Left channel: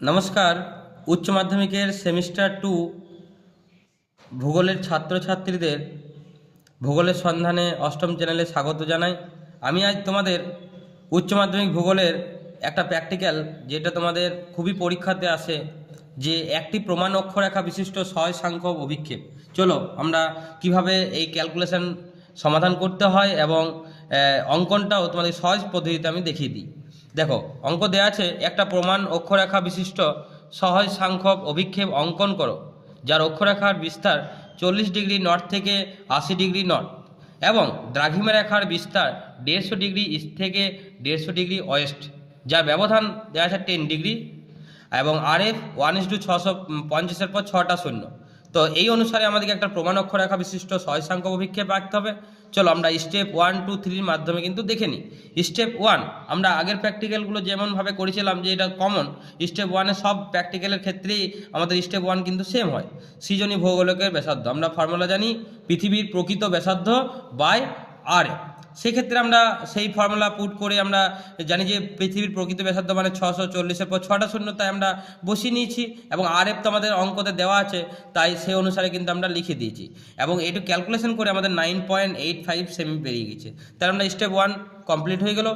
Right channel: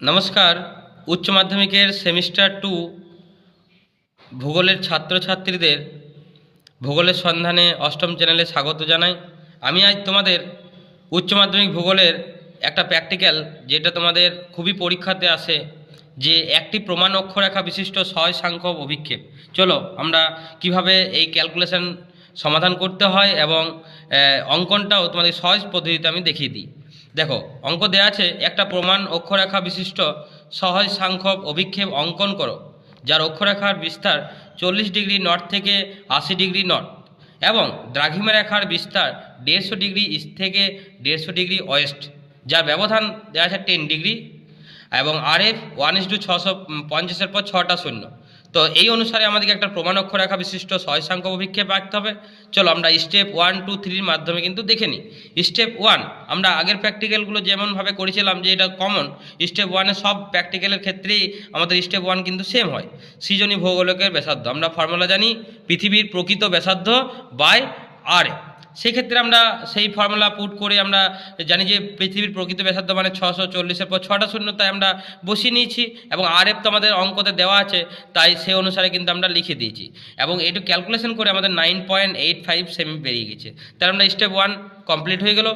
নমস্কার। উচ্চ মাধ্যমিকের সেমিস্টার 2 ভূগোলের ছাত্রছাত্রীদের ভূগোলের সন্ধানে অষ্টম চ্যানেলে স্বাগত জানাই। আমি আজ তোমাদের উচ্চ মাধ্যমিক ভূগোলের একটা প্র্যাকটিক্যাল, যেটা তোমাদের খুবই পরীক্ষাতে আসে, যে একটি প্রমাণ অক্ষরেখা বিশিষ্ট সহায় সাংখ্যক অভিক্ষেপ। চলো আমরা কিভাবে এই ক্যালকুলেশন সমাধান করতে হয় এবং অঙ্কনটাও তোমাদের সহজ পদ্ধতিতে আমি দেখিয়ে দিই। দেখো, অঙ্ক দেওয়া আছে, একটা প্রমাণ অক্ষরেখা বিশিষ্ট সহজ সাংখ্যক অভিক্ষেপ অঙ্কন করো, যার অক্ষরেখার বিস্তার 40 ডিগ্রি নর্থ থেকে 80 ডিগ্রি নর্থ এবং দ্রাঘিমা রেখার বিস্তার 150 ডিগ্রি ইস্ট থেকে 150 ডিগ্রি ওয়েস্ট, যার ব্যবধান দেওয়া আছে 10 ডিগ্রি এবং RF 1:650 পর 6টা শূন্য। তো এই অনুসারে আমাদেরকে একটা প্রমাণ অক্ষরেখা বিশিষ্ট সহায় সাংখ্যক অভিক্ষেপ আঁকতে হবে। চলো আমরা স্টেপ 1, 2, 3 মাধ্যমে কিন্তু দেখে নিই। স্টেপ 1 আমরা আগের প্র্যাকটিক্যালগুলো যেমনভাবে করেছিলাম, যে এটা কমন, স্টেপ 1-এ সব প্র্যাকটিক্যালের ক্ষেত্রেই আমাদের স্টেপ 1 কিন্তু সেম হয়। সৃজনী ভৌগোলকের ব্যাসার্ধ আমরা ফর্মুলা জানি, পৃথিবীর প্রকৃত ব্যাসার্ধ বাই আর। সেক্ষেত্রে আমরা সেই ফর্মুলা পুট করে আমরা জানি যে পৃথিবীর প্রকৃত ব্যাসার্ধ মানে 640-এর পর 6টা শূন্য, তাই আমরা বসিয়ে নিয়েছি এবং RF তো আমাদের অঙ্কতে দেওয়া আছে, তাই সে অনুসারে কিন্তু আমরা লিখে দিয়েছি এবং এটু ক্যালকুলেশন করে আমাদের 9.85 সেমি বেরিয়ে গেছে। তাই আমরা স্টেপ 1 কমপ্লিট হয়ে গেল।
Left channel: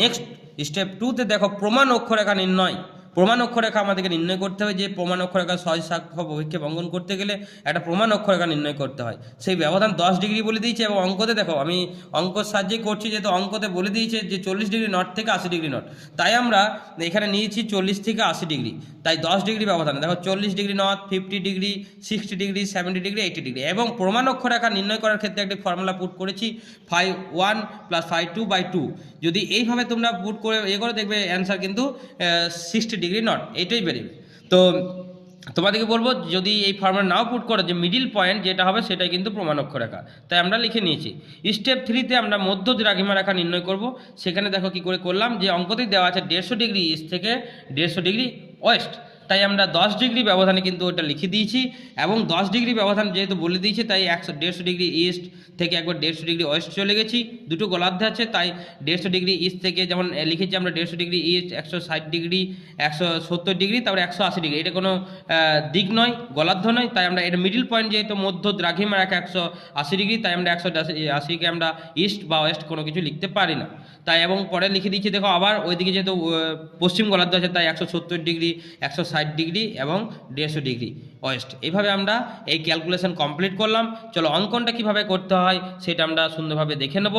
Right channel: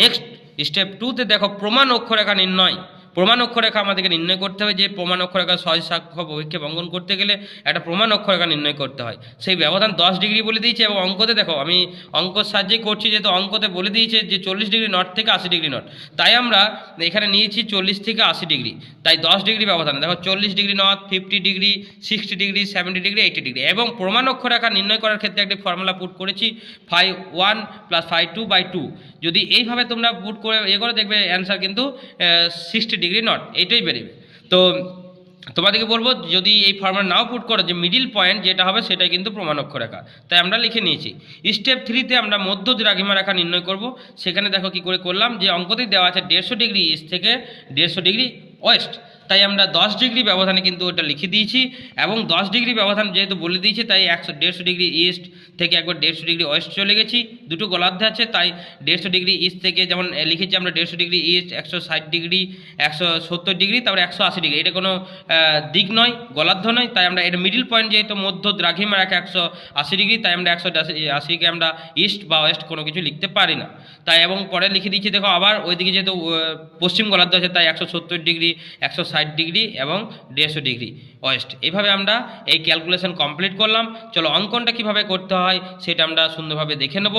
নেক্সট স্টেপ 2-তে দেখো, প্রমাণ অক্ষরেখা নির্ণয়। প্রমাণ অক্ষরেখা আমাদেরকে নির্ণয় করতে হবে। যে প্রমাণ অক্ষরেখা সহজ সাংখ্যক অভিক্ষেপ অঙ্কন করতে গেলে একটা প্রমাণ অক্ষরেখা নির্ণয় করতে হয়। সেই ব্যবধান 10 ডিগ্রি বলে দিয়েছে এবং অঙ্কতে দেখো, আমি অঙ্কর সাহায্যেই করছি, যেহেতু অঙ্কতে বলে দিয়েছে যে 40 ডিগ্রি নর্থ থেকে 80 ডিগ্রি নর্থ, তাই আমরা এখানে নিয়েছি 40 থেকে 80 ডিগ্রি, তাই 10 ডিগ্রি ব্যবধান। দেখো 40 degree north, 50 degree, 60 degree, 70 degree, 80 degree. এবং প্রমাণ অক্ষরেখা নির্ণয় করার ক্ষেত্রে একটি ফর্মুলা পুট করেছি, φ1 + φ2/2। যদি এইভাবে তোমরা পুট করে করে দেখবে অ্যান্সার কিন্তু 60 ডিগ্রি নট, এইটাই বেরোবে। তো তোমাদেরকে বলবো, যদি এই ফর্মুলা নাও পুট করো, যে মিডিল পয়েন্ট যেটা হবে সেটাই কিন্তু প্রমাণ অক্ষরেখা, তাই আমরা লিখে নিয়েছি। স্টেপ 3-তে আমরা মধ্য দ্রাঘিমা রেখা নির্ণয় করব। সেখানে দেখো কি করে করলাম, যে অঙ্কতেই দেওয়া আছে 150 ডিগ্রি ইস্ট থেকে 150 ডিগ্রি ওয়েস্ট, তাই আমরা 10 ডিগ্রি ব্যবধানে কিন্তু ওটা লিখে দিয়েছি এবং 10 ডিগ্রি ব্যবধান যেহেতু বলে দিয়েছি, তাই 150 ডিগ্রি ইস্ট থেকে একবার 150 ডিগ্রি ওয়েস্ট চলে গেছি। দুটো গোলার্ধ আছে, তাই 150 ডিগ্রি ইস্ট থেকে যেমন লিখেছি আমরা 150 ডিগ্রি ইস্ট, 160 ডিগ্রি, 170 ডিগ্রি, তারপরে 180 ডিগ্রি। এটা কোনো দিক নয়, গোলার্ধ নয়, তাই আমরা এটা মিডিল পয়েন্ট, যেহেতু মধ্য দ্রাঘিমা রেখা 180 ডিগ্রি, তাই আমরা 180কে আমরা ইস্ট বা ওয়েস্ট কোনো কিছু লিখতে পারি না, তাই। এবং পরে লিখে দিচ্ছি, দেখো আবার ওইদিকে যেহেতু পশ্চিম গোলার্ধ আছে, তাই 170 ডিগ্রি, 160 ডিগ্রি এবং 150 ডিগ্রি ওয়েস্ট। এইভাবে আমরা এই ক্যালকুলেশন কমপ্লিট করলাম। চলো অঙ্কনটা কিভাবে করতে হয় সেটা আমরা সুন্দরভাবে দেখে নেব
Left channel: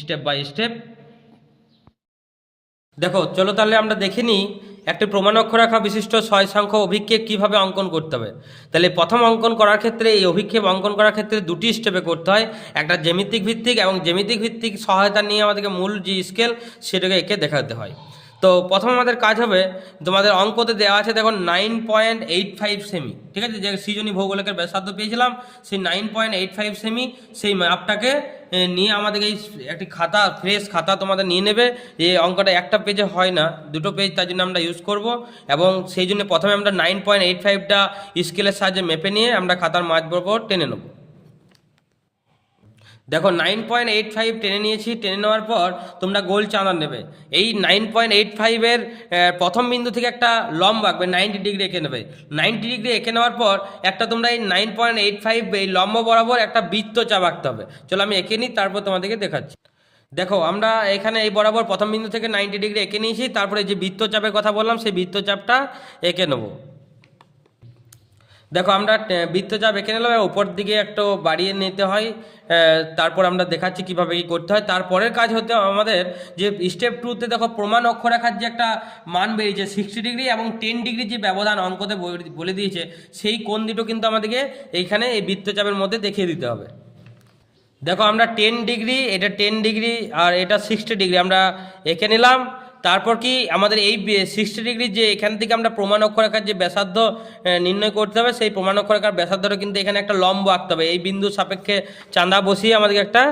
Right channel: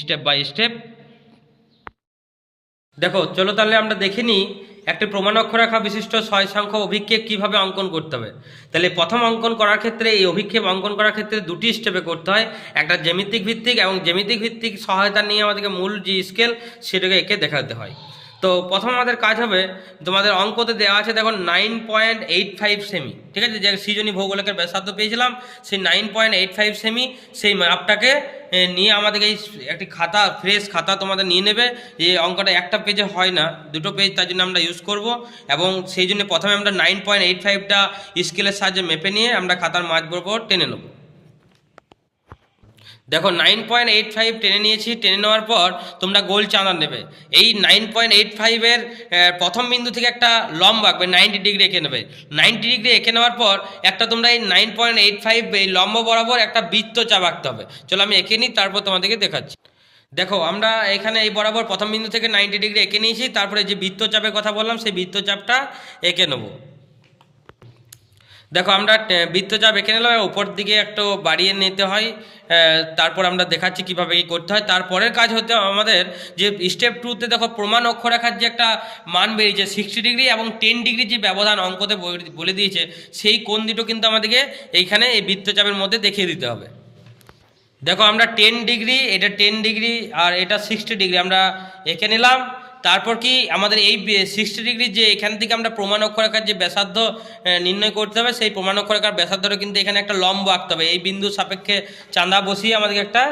স্টেপ বাই স্টেপ। দেখো চলো তাহলে আমরা দেখে নিই একটি প্রমাণ অক্ষরেখা বিশিষ্ট সহায় সাংখ্যক অভিক্ষেপ কীভাবে অঙ্কন করতে হবে। তাহলে প্রথম অঙ্কন করার ক্ষেত্রে, এই অভিক্ষেপ অঙ্কন করার ক্ষেত্রে দুটি স্টেপে করতে হয়, একটা জ্যামিতিক ভিত্তিক এবং জ্যামিতিক ভিত্তিক সহায়তা নিয়ে আমাদেরকে মূল যে স্কেল সেটাকে এঁকে দেখাতে হয়। তো প্রথম আমাদের কাজ হবে, তোমাদের অঙ্কতে দেওয়া আছে দেখো 9.85 সেমি, ঠিক আছে, যে সৃজনী ভৌগোলিকের ব্যাসার্ধ পেয়েছিলাম, সেই 9.85 সেমি, সেই মাপটাকে নিয়ে আমাদের এই একটি খাতা, ফ্রেশ খাতা তোমাদের নিয়ে নেবে। যে অঙ্কটা একটা পেজে হয় না, দুটো পেজ, তার জন্য আমরা ইউজ করব এবং সেই জন্য প্রথমে আমরা 9.85টা স্কেলের সাহায্যে মেপে নিয়ে আমরা খাতার মাঝ বরাবর টেনে নেব। দেখো 9.85 টেনে নিয়েছি। টেনে নেওয়ার পর তোমরা গোল চাঁদা নেবে। এই 9.85-এর প্রথম বিন্দু থেকে একটা লম্ব আঁকবে, 90 ডিগ্রি এঁকে নেবে। 90 ডিগ্রি এঁকে নেওয়ার পর একটা তোমরা এই 9.85 এই লম্ব বরাবর একটা বৃত্তচাপ আঁকতে হবে। চলো আমি এঁকে নিই, তারপর তোমাদেরকে দেখাচ্ছি। দেখো আমরা এখানে এই বরাবর প্রথম বিন্দু থেকে 90 ডিগ্রি এঁকে নিয়েছি, তারপরে যে বৃত্তচাপের কথা বললাম সেই বৃত্তচাপটা এঁকে নেবো। দেখো আমরা বৃত্তচাপ এঁকে নিলাম, উপর দিকে একটু বাড়িয়ে নিতে হয়, তারপর আমরা দেখাচ্ছি কীভাবে কী করতে হয়। তারপরের কাজ হতে আমাদের যে স্টেপ 2-তে দেখো প্রমাণ অক্ষরেখার যে একটা মান বেরিয়েছে 60 ডিগ্রি এবং 10 ডিগ্রি, যে ব্যবধান অঙ্কতে বলে দিয়েছে, সেই কোণ দুটো কিন্তু আমাদেরকে এইখানে এই বৃত্তচাপের মধ্যে দেখিয়ে দিতে হবে। দেখো আমরা 10 ডিগ্রি, এটা 10 ডিগ্রি আর এটা 60 ডিগ্রি আমরা এঁকে নিলাম। তারপর কি আমাদের এই 60 ডিগ্রি, যে এখান থেকে আমরা প্রমাণ অক্ষরেখার যে ব্যাসার্ধ নির্ণয় করতে হবে, সেই প্রমাণ অক্ষরেখার ব্যাসার্ধটা কিন্তু এখানে একটা লম্ব আঁকতে হবে। এই বিন্দু সাপেক্ষে চাঁদা বসিয়ে আমাদেরকে একটা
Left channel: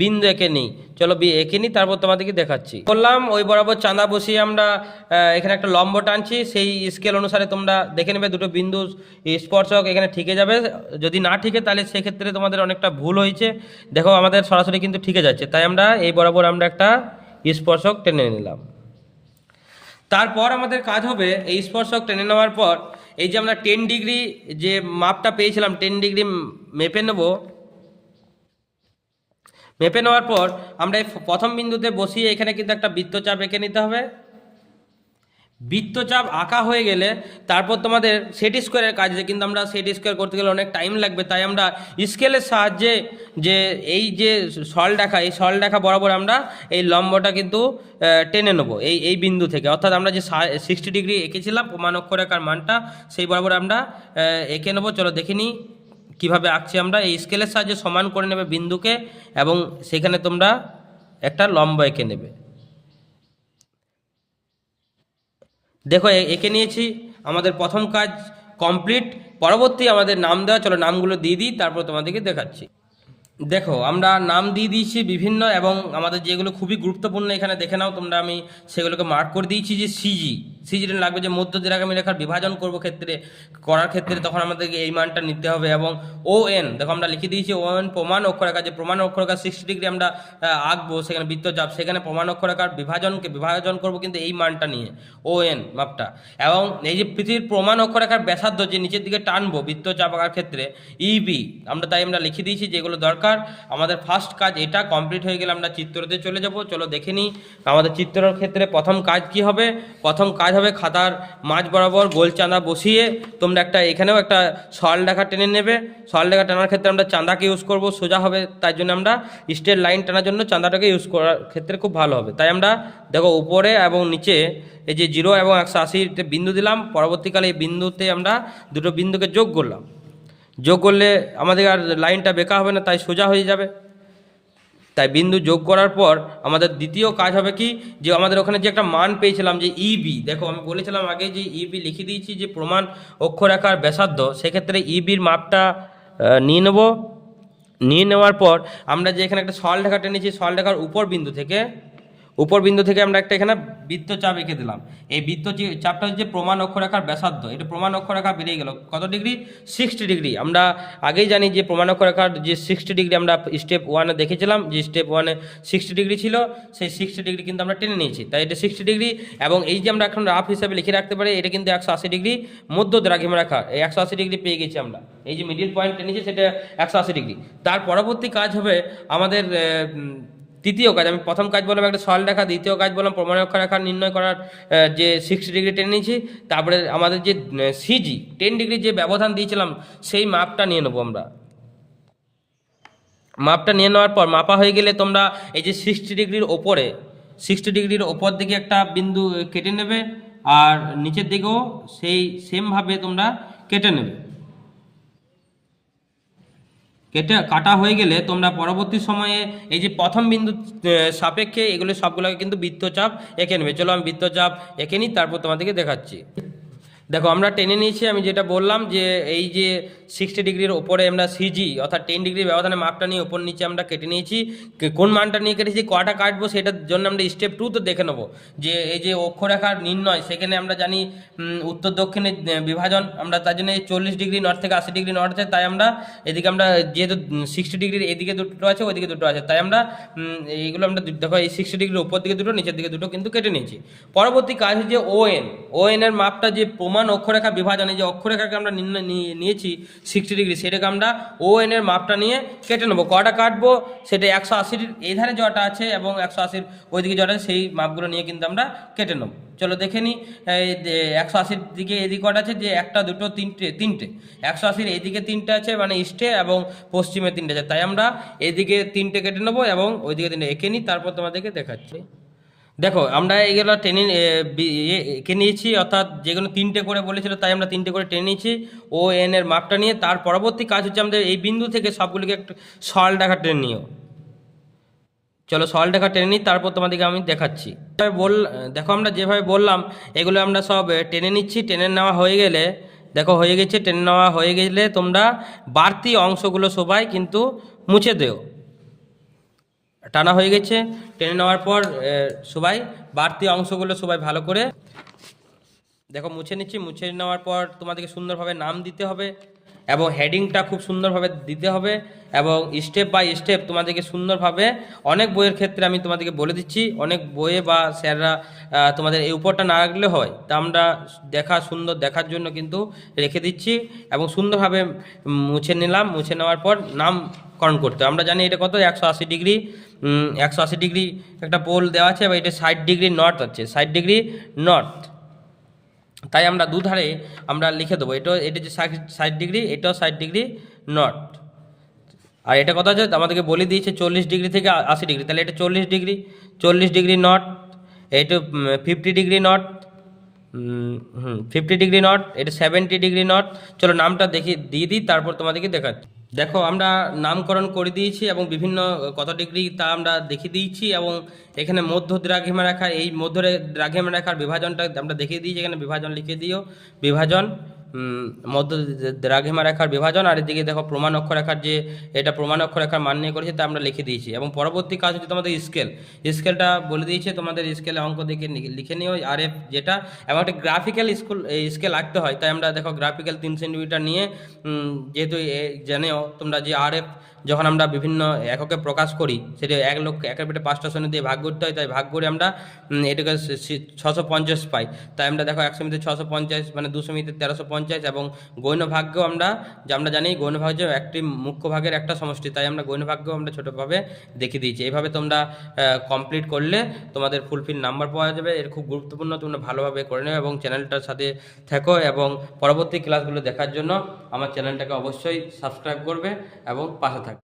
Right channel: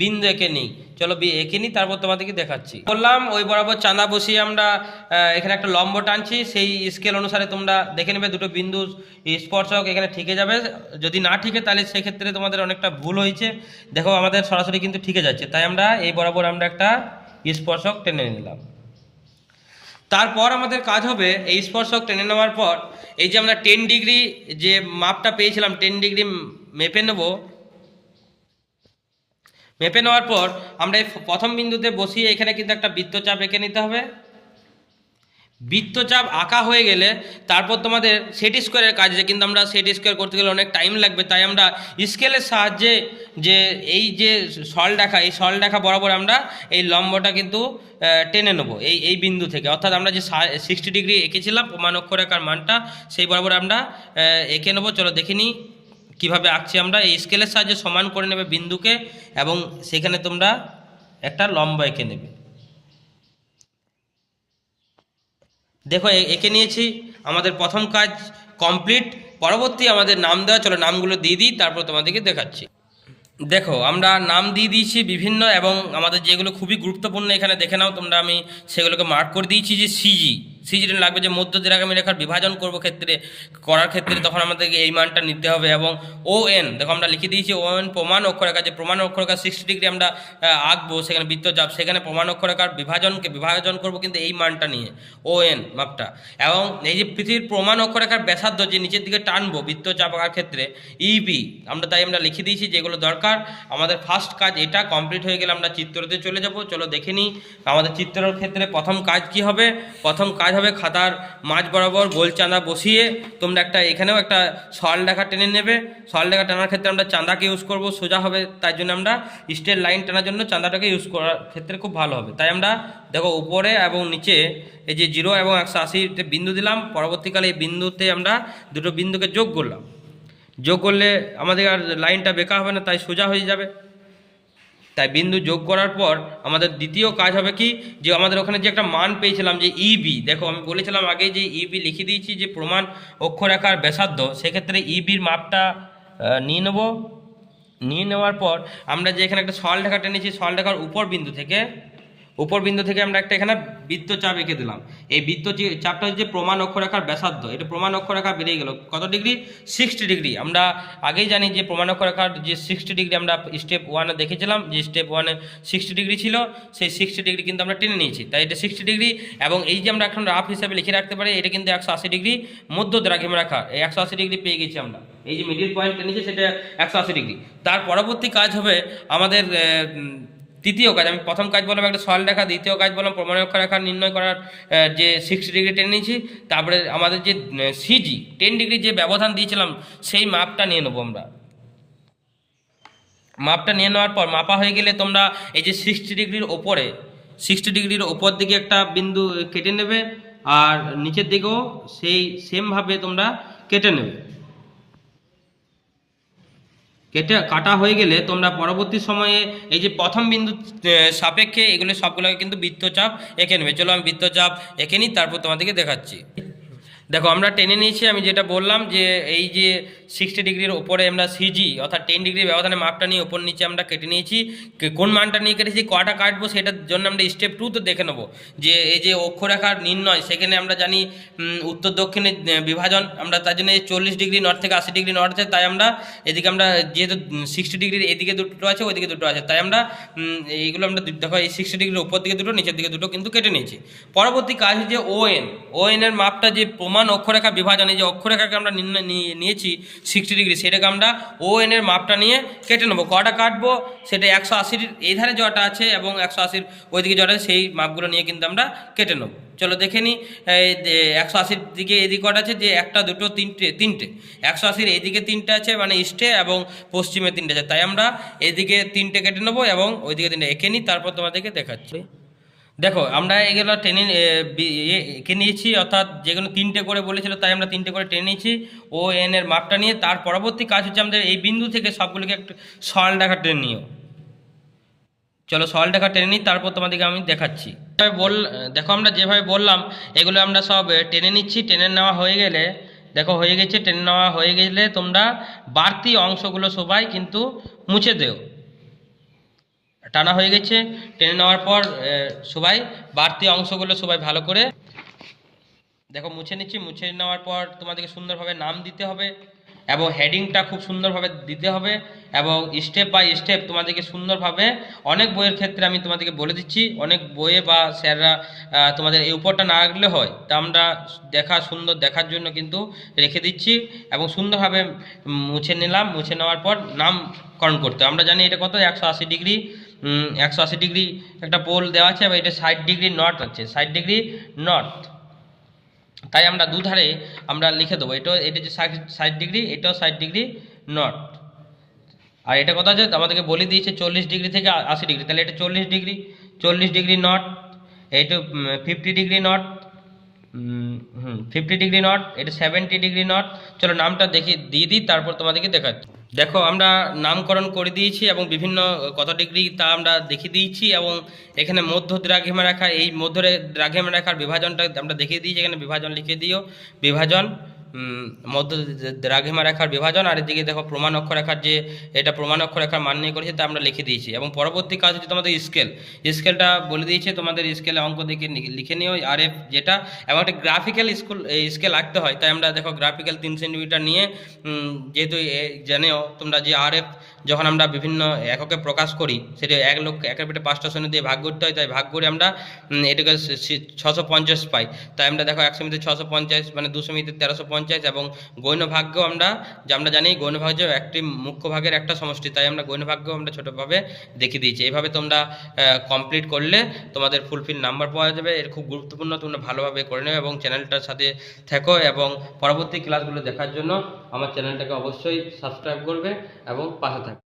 বিন্দু এঁকে নিই। চলো এঁকে নিই, তারপর তোমাদেরকে দেখাচ্ছি। বললাম ওই বরাবর চাঁদা বসিয়ে আমরা এখানে একটা লম্ব টানছি। সেই স্কেল অনুসারে তোমরা দেখে নেবে দুটো বিন্দু স্পর্শক এখানে ঠিকে যাবে। যদি না ঠিকে তাহলে সেক্ষেত্রে তোমাদের অনেকটা ভুল হয়েছে। দেখো আমাদের সরাসরি কিন্তু ঠিকে যাচ্ছে, তাই আমরা এই বরাবর আমরা একটা স্পর্শক টেনে নিলাম। তারপর আমাদের কাজ হবে এই স্পর্শক টেনে নেওয়ার পর এই যে আমরা 10 ডিগ্রি যে মাপটা পেয়েছিলাম 10 ডিগ্রি মেপে নেব। মেপে নেওয়ার পর আমরা এই প্রথম বিন্দুতে বসিয়ে এখানে কিন্তু একটা বৃত্তচাপ এঁকে নিতে হবে। বৃত্তচাপ আঁকা হয়ে গেলে তারপর তোমাদের সেট স্কোয়ারের কাজ আছে, কিন্তু আমরা সেট স্কোয়ার করতে গেলে অনেক টাইম লাগবে, তাই আমরা স্কেলের সাহায্যে যে এই যে সরলরেখা এই সরলরেখা বরাবর আমরা এই লম্বটা কিন্তু টেনে নেবো এই বিন্দু থেকে, অর্থাৎ আমরা যে 60 ডিগ্রি এঁকেছিলাম প্রমাণ অক্ষরেখার মানটা সেই বরাবর আমরা এঁকে নেবো। চলো দেখে নিই কীভাবে আঁকছি আমরা। এই স্কেলের সাহায্যে সমান করে নেবে বিন্দুকে এবং সেখানে তোমরা একটা লম্ব এঁকে নেবে। দেখো এঁকে নিয়েছি, আমাদের প্রথম কাজ কমপ্লিট। পরবর্তী আমাদের নাম দেওয়া, চলো নামগুলো দিয়ে দিই তারপর তোমাদেরকে দেখাচ্ছি। দেখো আমরা নাম দিয়ে দিয়েছি বিভিন্ন, এবং আমাদের যেগুলো খুবই গুরুত্বপূর্ণ এখানে দেখে নাও তোমরা, আমি সেগুলোকে মার্ক করে দিয়েছি যে সিজি লাগবে, যে মধ্য দ্বিরাগামী রেখার বিভাজন করার ক্ষেত্রে তখন আমাদেরকে এই মানটা নিতে হবে। এবং ON দেখো আমরা লিখে দিয়েছি ON প্রমাণ অক্ষরেখা, যে প্রমাণ অক্ষরেখা 60 ডিগ্রি আমরা আঁকবো সেখানে বৃত্তচাপ, সেখানে প্রমাণ অক্ষরেখার বিভাজন করব কিন্তু এই মানটা নিয়ে ON মাপটা। এবং এই যে পৃথিবীর প্রমাণ অক্ষরেখার ব্যাসার্ধ যে নিচের দিকে টানবো বৃত্তচাপ আঁকার ক্ষেত্রে EB আমরা লিখে দিয়েছি যেগুলো দরকার। আমাদের ফার্স্ট কাজ এটা কমপ্লিট হয়ে গেলে আমরা চিত্রতে চলে যাব। চলো দেখে নিই আমাদের চিত্রের ক্ষেত্রে প্রথম কাজ কি হবে। প্রথম কাজ হবে খাতার মাঝ বরাবর গোল চাঁদা বসিয়ে তোমরা এখানেও একটা সরলরেখা টেনে নেবে। সরলরেখা টানার ক্ষেত্রে আমরা চাঁদাকে ইউজ করব, সোজা হবে, তাই জন্য আমরা স্ট্রেট লাইন টানার জন্য চাঁদাটাকে ইউজ করার ক্ষেত্রে খুব ভালো হবে। তাই আমরা দেখো উপরে এবং নিচে এই যে 0 এবং 180 বিন্দু দিলাম। পরবর্তীকালে এই বিন্দুতে আমরা দুটো বিন্দুকে যোগ করলাম। যোগ করলে আমাদের আর লাইনটা বেঁকা হবে না, তাই সোজা হয়ে যাবে। তাই বিন্দু যোগ করার পর আমাদের দ্বিতীয় কাজ হবে কি, যে আমাদের ওখানে যে একটা মান পেয়েছিলাম যে ইবি, দেখো আমি বলেছিলাম আগে যে ইবি লিখে দিয়েছি যে প্রমাণ অক্ষরেখার ব্যাসার্ধ, সেক্ষেত্রে ইবির মাপটা নিয়ে নেব। নিয়ে নেওয়ার পর আমরা যে এখানে একটা সরলরেখা টেনেছি, সরলরেখার উপর বিন্দু থেকে আমরা এখানে বৃত্তচাপ এঁকে দিলাম। এই বৃত্তচাপটা হচ্ছে প্রমাণ অক্ষরেখার ব্যাসার্ধ। এটা প্রমাণ অক্ষরেখা বেরিয়ে গেল কত ডিগ্রি, 60 ডিগ্রি। আমরা আগেই জানি যে প্রমাণ অক্ষরেখার যে 60 ডিগ্রি আমরা স্টেপ 1-এ দেখেছিলাম, যে স্টেপ 1-এ 60 ডিগ্রি ছিল, সেই 60 ডিগ্রি কিন্তু আমরা টেনে নিয়েছি। তাই এটা 60 ডিগ্রি। এবং এই যে আমরা এখন রাফ হিসাবে লিখে রাখতে পারি, এটা কিন্তু 180 ডিগ্রি মধ্য দ্রাঘিমা রেখা। এই 180 ডিগ্রি পেয়ে গেছি আমরা, এই যে মিডিল পয়েন্ট টেনেছি সেটা 180 ডিগ্রি। তার পরবর্তী কাজ হবে আমাদের তৃতীয় কাজ। আমি প্রথম কাজ বললাম একটা সরলরেখা, দ্বিতীয় কাজ বললাম প্রমাণ অক্ষরেখা নির্ণয় করার যে 60 ডিগ্রি টেনে নিয়েছি। তারপরে আমাদের যে সিজি 10 ডিগ্রি যে ব্যবধান দিয়েছিলাম সেই মাপটা নিয়ে নেবো আমরা। মাপটা নিয়ে নেওয়ার পর মাপা হয়ে গেলে তোমরা এই যে 60 ডিগ্রির ওপর দিকে একটা বিন্দু কেটে নেবে, আর নিচের দিকেও সেই সেমভাবে তোমরা কেটে নেবে। কাটা হয়ে গেলে তোমরা পরবর্তী সময়ে এই যে প্রথম বিন্দু সাপেক্ষে এগুলো সবগুলোকে কিন্তু বৃত্তচাপ এঁকে নেবে। চলো আমি বৃত্তচাপ এঁকে নিই, তারপর তোমাদেরকে দেখাচ্ছি। দেখো আমরা টেনে নিয়েছি, আমি যেটা বললাম যে এই যে 60 ডিগ্রির ওপরে আমরা সিজি অর্থাৎ 10 ডিগ্রি ব্যবধানে মাপটা নিয়ে ওপর নিচে আমরা কেটে নিয়েছি। কোন মানটা নিয়ে কেটেছি, কটা কাটবো সেটার জন্য আমরা স্টেপ 2 তো দেখে নেবো। যে এই যে অক্ষরেখার নির্ণয়, সেখানে আমরা জানি উত্তর দক্ষিণের বিভাজন, আমরা তার জন্য 40 ডিগ্রি নর্থ থেকে 80 ডিগ্রি নর্থে, তাই আমরা এদিকে আমরা যেহেতু 60 ডিগ্রির এদিকে দুটো আছে ওইদিকে দুটো আছে, তাই আমরা এইগুলো আমরা দেখো এই 60 ডিগ্রির উপর দিকে দুটো নিচের দিকে দুটো কিন্তু কেটে নিয়েছি। পরবর্তী কাজ হচ্ছে ON এর মাপটা যে প্রমাণ অক্ষরেখা বিভাজনে যে অক্ষরেখাকে আমরা নিয়েছি 60 ডিগ্রি, সেটাকে আমরা ON এর মাপটা নিয়ে কেটে নেবো। কটা কাটবো সেটা 180 এই ধারে যটা আছে এবং 180 ওইদিকে যটা আছে সেই মাপগুলো নিয়ে কিন্তু আমরা কেটে নেবো। চলো দেখে নিই। 180 দিকে এদিকে কটা আছে, যে একটা দুটো তিনটে 180 এইদিকে 3টে আছে, মানে ইস্টে এবং পশ্চিমে 3টে আছে, তাই আমরা এদিকে 3টে কেটে নেবো এবং ওইদিকে 3টে এঁকে নিই, তারপর তোমাদেরকে দেখাচ্ছি। দেখো আমরা এগুলো টেনে এঁকে নিয়েছি, অর্থাৎ যেগুলো 3টে করে বলেছিল তাই আমরা 3টে করে টেনে নিয়েছি ON এর মাপটা নিয়ে। তার পরবর্তী কাজ হচ্ছে আমাদের এই বিন্দু থেকে সবগুলিকে একটু সরলরেখা টেনে নিও। চলো সরলরেখা টেনে নিই, তারপর তোমাদেরকে আমি দেখাচ্ছি। দেখো আমরা যেভাবে বললাম এগুলো আমরা সব টেনে নিচ্ছি। টেনে নেওয়া হয়ে গেলে দেখো হয়ে গেছে, টেনে নেওয়া হয়ে গেলে তোমরা বাড়তি অংশগুলো সবাই কিন্তু মুছে দেও। টানা হয়ে গেছে, টেনে নেওয়ার পর সবাই বাড়তি অংশগুলো সবাই ভালো করে দেখো মুছে নিচ্ছি। মুছে নেওয়ার পর তোমাদেরকে সুন্দরভাবে নাম দিতে হবে। এবং হেডিংটা খুব সুন্দরভাবে দিতে হবে এবং স্টেপ বাই স্টেপ তোমাদেরকে সুন্দরভাবে, অনেক বইয়ের ক্ষেত্রে আমি তোমাদেরকে বলে দিচ্ছি, অনেক বইয়ে বা স্যাররা তোমাদের এই উপরটা না রাখলে হয়, তা আমরা সুন্দর দেখার জন্য কিন্তু রেখে দিচ্ছি এবং সুন্দরভাবে মুছে নিলাম। মুছে নেওয়ার পর নামকরণ করতে হবে। আমরা জানি এটা কত 180 ডিগ্রি, 180 ডিগ্রি একটা পোল দেওয়া আছে এবং এটা 60 ডিগ্রি নর্থ আছে, 60 ডিগ্রি নর্থ। তাই আমরা দুধারে আমরা লিখে দেবো, এটা যে 60 ডিগ্রি, এটাও 60 ডিগ্রি নর্থ। আর এটা কথা হচ্ছে আমাদেরকে বলে দিয়েছে 40 ডিগ্রি থেকে 80 ডিগ্রি, তাহলে এটা 40 ডিগ্রি, 40 ডিগ্রি নর্থ। এইটা 50 ডিগ্রি নর্থ, 50 ডিগ্রি নর্থ, এটা 70 ডিগ্রি নর্থ। চলো নামটা দিয়ে দিই, তারপর তোমাদেরকে দেখাচ্ছি। দেখো আমরা নামকরণ করে দিয়েছি এবং বিভিন্ন কত ডিগ্রি তা আমরা দেখিয়ে দিয়েছি এবং এখানে মধ্য দ্রাঘিমা রেখা, এই মধ্য দ্রাঘিমা রেখার বিভাজনটা আমরা দেখিয়ে দিয়েছি। এখানে বিভাজন লিখে দিও, বিভাজন, মধ্য দ্রাঘিমা রেখার বিভাজন। আর এদিকে দেখো প্রমাণ অক্ষরেখার যে এটা প্রমাণ অক্ষরেখার মান নিয়ে করেছে তা আমরা লিখে দিয়েছি। এবং পরবর্তী কাজ হচ্ছে তোমাদের স্কেলটা বলে দিয়েছে, তোমাদের স্কেলে অঙ্ক দেখে লিখে নিও RF যেটা, এবং একটা গ্রাফিক্যাল স্কেল আঁকতে হয়। তাই আমরা দেখো গ্রাফিক্যাল 3 সেন্টিমিটার নিয়ে, যেহেতু জানেও তোমরা যে RF যখন আমরা বিভিন্ন এককে প্রকাশ করি সেটা 1 লক্ষ 5টা শূন্য দিয়ে ভাগ করতে হয়, তাই ভাগ করে আমরা এটাকে 650 পাই। তাই আমরা দেখো 100 মিটার 650, মানে 200 মিটার 1350। এবং গৌণ ভাগ্য আমরা জানি গৌণ ভাগ্য একটি মুখ্য ভাগের একটা সমষ্টি, তাই আমরা গৌণ ভাগ্য আমরা ছোটোভাবে দেখিয়ে দিয়েছি। এইভাবে তোমরা কমপ্লিট করলে তোমাদের ফুলফিল নাম্বার পাওয়া যাবে। এর খুব গুরুত্বপূর্ণ, তোমরা ভালোভাবে করে নেবে এবং চ্যানেলটার সাথে থেকো এবং পরবর্তী ক্লাসগুলো দেখার জন্য আমার চ্যানেলটাকে অবশ্যই সাবস্ক্রাইব করবে এবং পাশে থাকবে।